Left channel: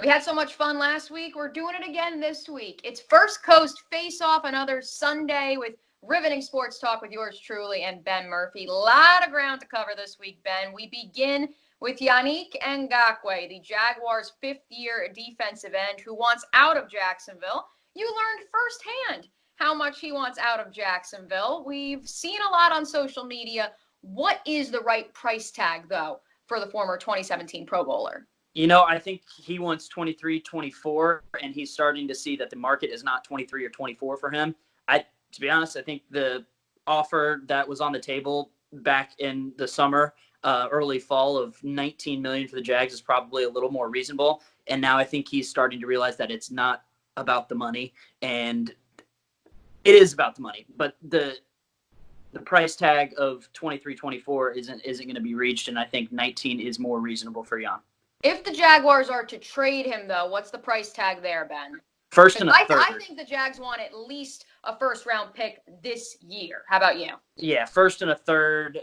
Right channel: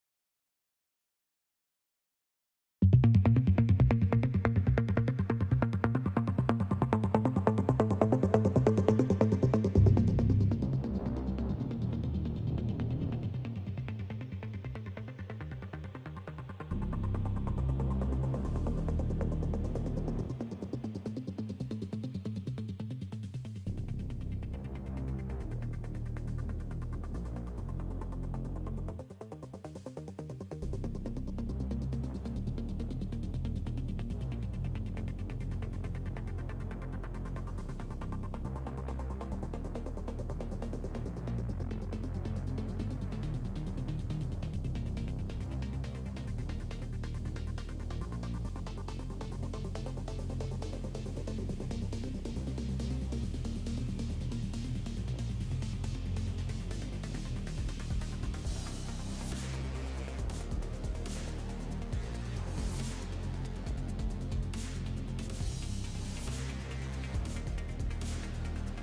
We had so much fun last week. We're doing it again this week. It's First Coast Face-Off, another Sunday with riveting sports talk with yours truly and Ben Murphy. A lot of ground to cover this week, Ben. We begin with Yannick Ngakoue, the Jaguars' fifth-year defensive end who wants out of Jacksonville. You learned firsthand how much he wants out of Jacksonville. We've seen a lot on social media. What is the right price tag, though, for the former 2017 Pro Bowler? I think he wants 23, 24, and he's starting to see that the market is not 23 or 24 for him. To be honest, I think the offer that was on the table back in the summer, early fall of 19 million for the Jags is probably a little more reasonable. And now I think he's starting to realize that it's not about the money, and it is about the money, but the price tag of 23, 24 isn't going to be reached, and I think 19 is more reasonable for Jan. If the Jaguars are to trade him, though, what's the price tag there, Ben? First and a third. I think the Jags want at least a first-round pick this year. How about you? Yeah, first and a third.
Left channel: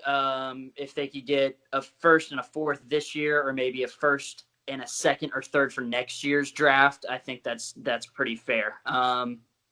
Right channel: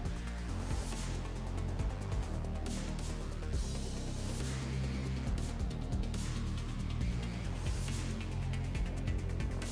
If they could get a first and a fourth this year, or maybe a first and a second or third for next year's draft, I think that's pretty fair.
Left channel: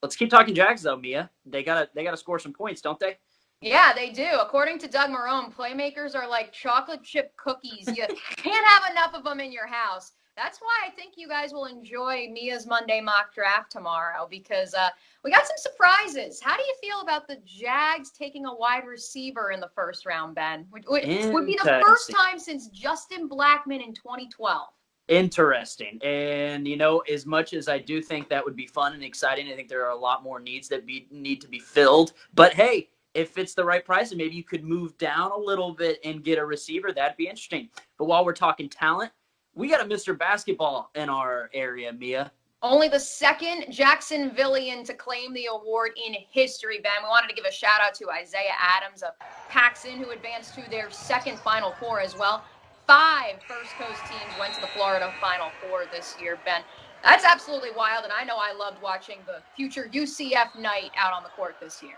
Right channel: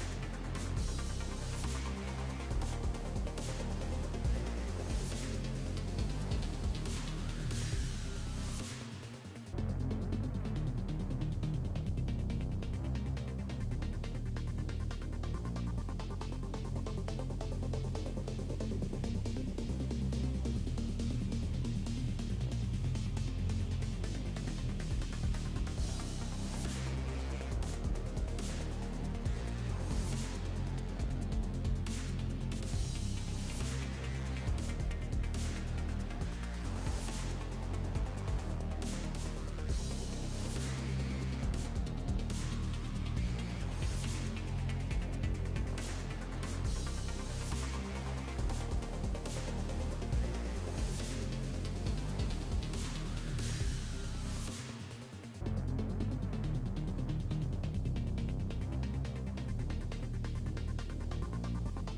Let's keep talking Jags, though, Mia. They gotta score some points, don't they? Yeah, they do. According to Doug Marrone, playmakers are like chocolate chip cookies. You can't have enough of them in your house. That's why I think you guys will enjoy Mia's Monday mock draft tomorrow, because we got some surprises. How do you feel about the Jags taking a wide receiver in the first round, Ben? Would be the first time since Justin Blackmon in 2012. Interesting. And, as much as I do think that would be fun and exciting, I think there are a lot more needs that need to be filled. But, hey, if it's the right price and maybe you could move down a little bit and get a receiver, that'd be interesting. But while we're talking talent, we got a Mr. Basketball in our area, Mia. Only the second Jacksonvillian to claim the award in history, Ben. We wanted to give a shout-out to Isaiah Adams of Paxton, who advanced to their second Final Four as well. 5 First Coast teams went to the Florida Final Four this year, Ben. That's absolutely wild, and I know I loved watching the future UCF night out on the court this year.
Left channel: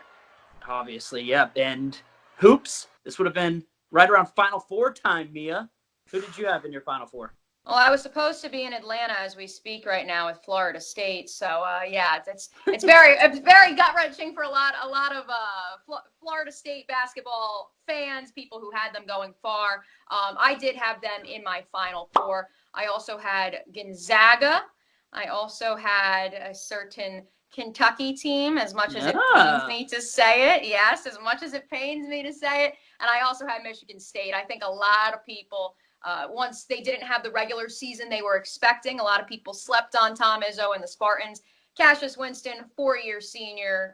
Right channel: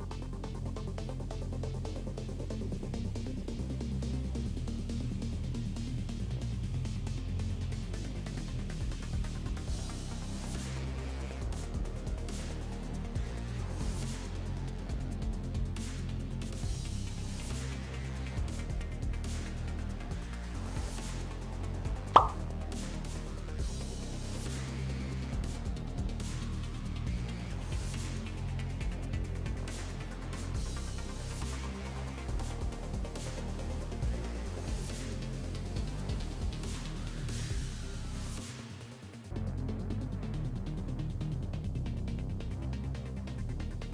Obviously, yeah. And hoops, this would have been right around Final Four time, Mia. Who did you have in your Final Four? Well, I was supposed to be in Atlanta as we speak right now with Florida State, so yeah, it's very gut-wrenching for a lot of Florida State basketball fans, people who had them going far. I did have them in my Final Four. I also had Gonzaga. I also had a certain Kentucky team, as much as it pains me to say it. Yes, as much as it pains me to say it. And I also had Michigan State. I think a lot of people, once they didn't have the regular season they were expecting, a lot of people slept on Tom Izzo and the Spartans. Cassius Winston, 4-year senior.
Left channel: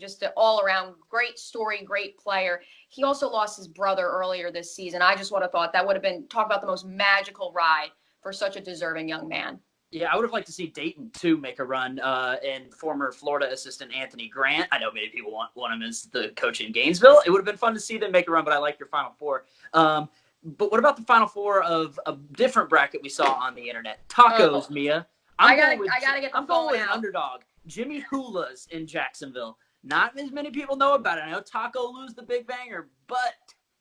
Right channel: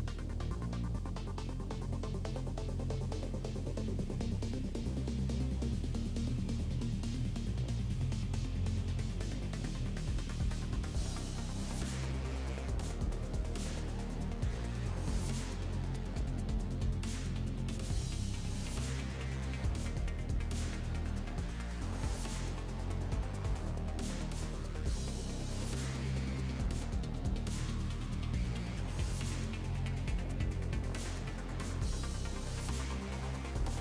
Just an all-around great story, great player. He also lost his brother earlier this season. I just would have thought that would have been, talk about the most magical ride for such a deserving young man. Yeah, I would have liked to see Dayton, too, make a run, and former Florida assistant Anthony Grant. I know many people want him as the coach in Gainesville. It would have been fun to see them make a run, but I like your Final Four. But what about the Final Four of a different bracket we saw on the internet? Tacos, Mia. I gotta get the I'm going with underdog. Jimmy Hula's in Jacksonville. Not as many people know about it. I know Taco Lou's the big banger, but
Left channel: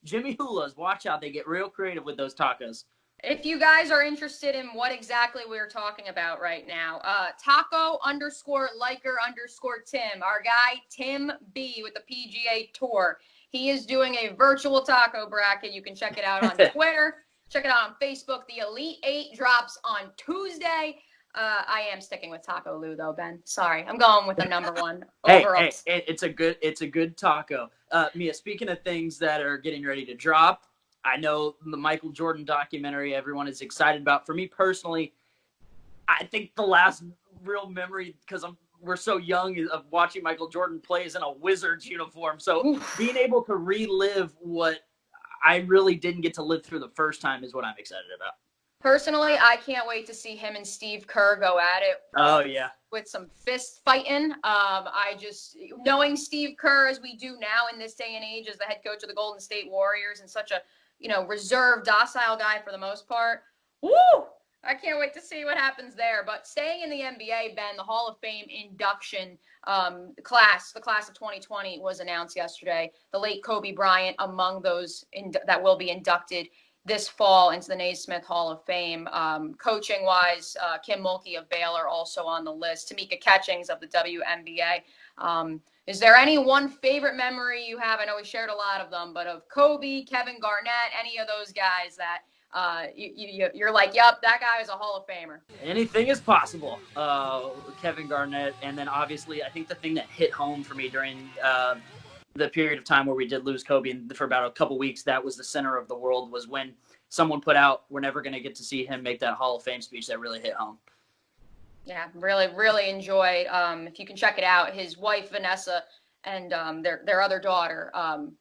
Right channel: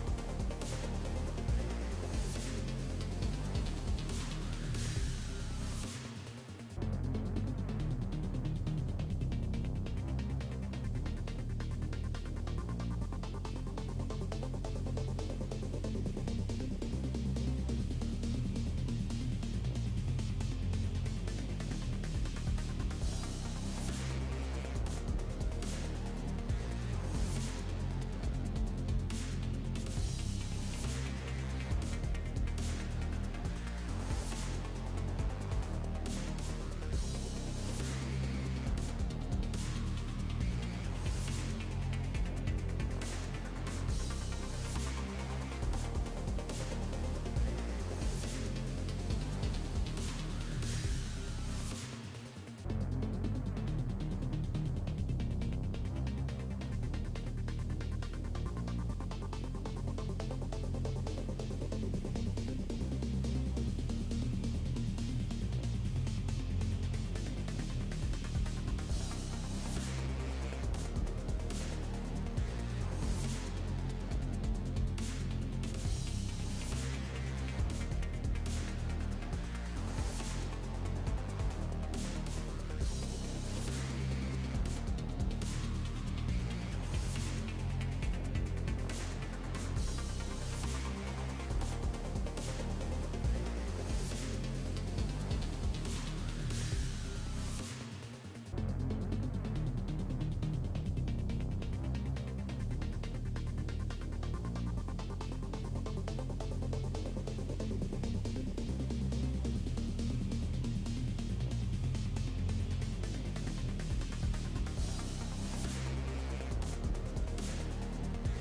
Jimmy Hula's, watch out. They get real creative with those tacos. If you guys are interested in what exactly we're talking about right now, Taco_Liker_Tim, our guy Tim B with the PGA Tour. He is doing a virtual taco bracket. You can check it out on Twitter. Check it out on Facebook. The Elite 8 drops on Tuesday. I am sticking with Taco Lou though, Ben. Sorry, I'm going with the number one. Hey, it's a good taco. Mia, speaking of things that are getting ready to drop, I know the Michael Jordan documentary everyone is excited about. For me personally, I think the last real memory, because we're so young, of watching Michael Jordan play is in a Wizards uniform. So being able to relive what I really didn't get to live through the first time is what I'm excited about. Personally, I can't wait to see him and Steve Kerr go at it. Oh, yeah. With some fist fighting. Knowing Steve Kerr as we do now in this day and age as the head coach of the Golden State Warriors and such a, reserved, docile guy for the most part. Woo! I can't wait to see what happens there. But staying in the NBA, Ben, the Hall of Fame induction the class of 2020 was announced yesterday. The late Kobe Bryant among those that will be inducted this fall into the Naismith Hall of Fame. Coaching-wise, Kim Mulkey of Baylor also on the list. Tamika Catchings of the WNBA. Is there any one favorite memory you have? I know we shared a lot of them, but of Kobe, Kevin Garnett, any of those guys that you're like, yup, that guy is a Hall of Famer. Anything is possible. Kevin Garnett, and then obviously I think the thing that hit home for me during the period of time where we did lose Kobe for about a couple weeks, that was the center of the world, was when someone put out, we're never going to get to see him make that Hall of Fame speech. That really hit home. Yeah, really enjoyed. If you can check it out, his wife Vanessa and their other daughter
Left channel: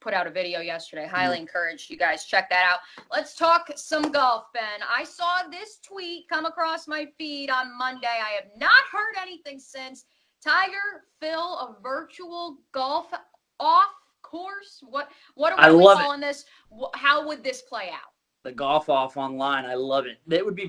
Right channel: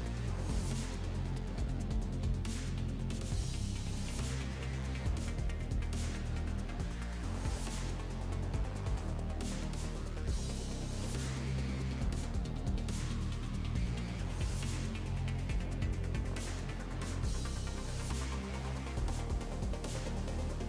put out a video yesterday. Highly encourage you guys check that out. Let's talk some golf, Ben. I saw this tweet come across my feed on Monday. I have not heard anything since. Tiger, Phil, a virtual golf off course. What are we calling this? How would this play out? The golf off online. I love it. It would be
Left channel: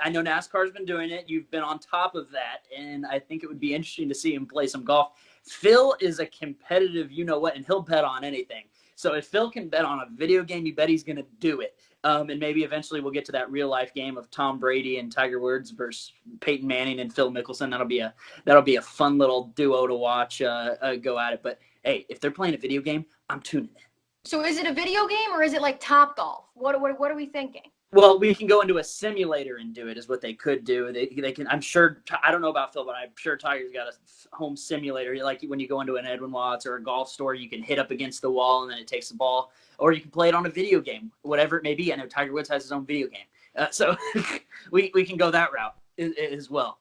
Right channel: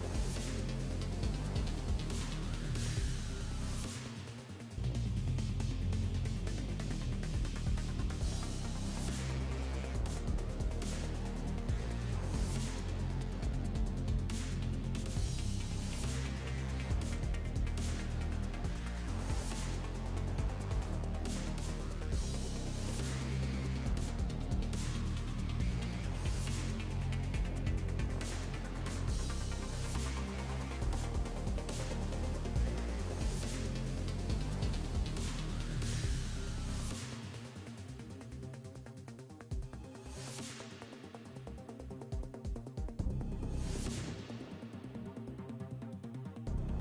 I know NASCAR's been doing it. You've been on top of that. And I think it would be interesting to see him play some golf. Phil is a competitive you-know-what, and he'll bet on anything. So if Phil can bet on a video game, you bet he's going to do it. And maybe eventually we'll get to that real-life game of Tom Brady and Tiger Woods versus Peyton Manning and Phil Mickelson. That'll be a fun little duo to watch go at it. But, hey, if they're playing a video game, I'm tuning in. So is it a video game or is it like Top Golf? What are we thinking? Well, we can go into a simulator and do it is what they could do. They can. I'm sure. I don't know about Phil, but I'm sure Tiger's got a home simulator. Like when you go into an Edwin Watts or a golf store, you can hit up against the wall and then it takes the ball. Or you can play it on a video game, whatever it may be. I know Tiger Woods has his own video game. So we can go that route as well.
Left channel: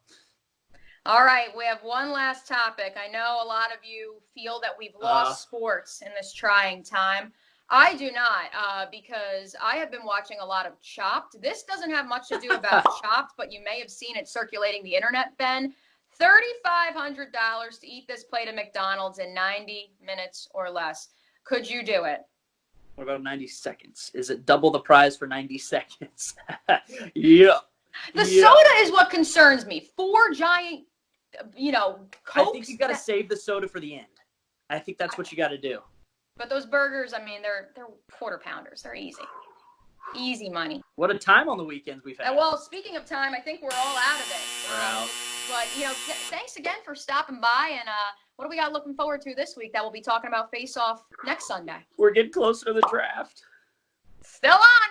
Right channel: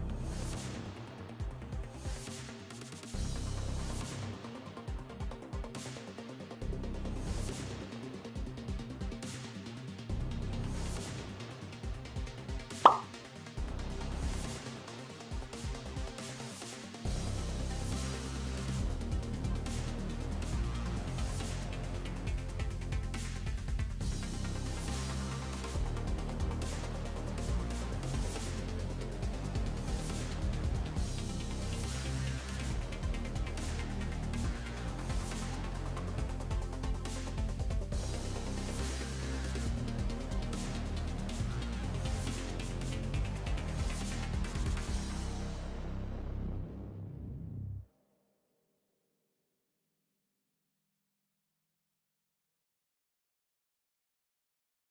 All right, we have one last topic. I know a lot of you feel that we've lost sports in this trying time. I do not, because I have been watching a lot of Chopped. This doesn't have much to do about Chopped, but you may have seen it circulating the internet, Ben. $3,500 to eat this plate of McDonald's in 90 minutes or less. Could you do it? What about 90 seconds? Is it double the prize for 90 seconds? Yeah. The soda is what concerns me. 4 giant, Cokes. I think you got to save the soda for the end. I think that's what you got to do. But those burgers, I mean, they're quarter pounders. They're easy. Easy money. What a time on the weekend we've had. And well, speaking of time, I think we're all out of it. We're out. But, thanks again for stopping by. And what do we got looking forward to this week that we'll be talking about Faceoff next Sunday? We're getting closer to the draft. Still on.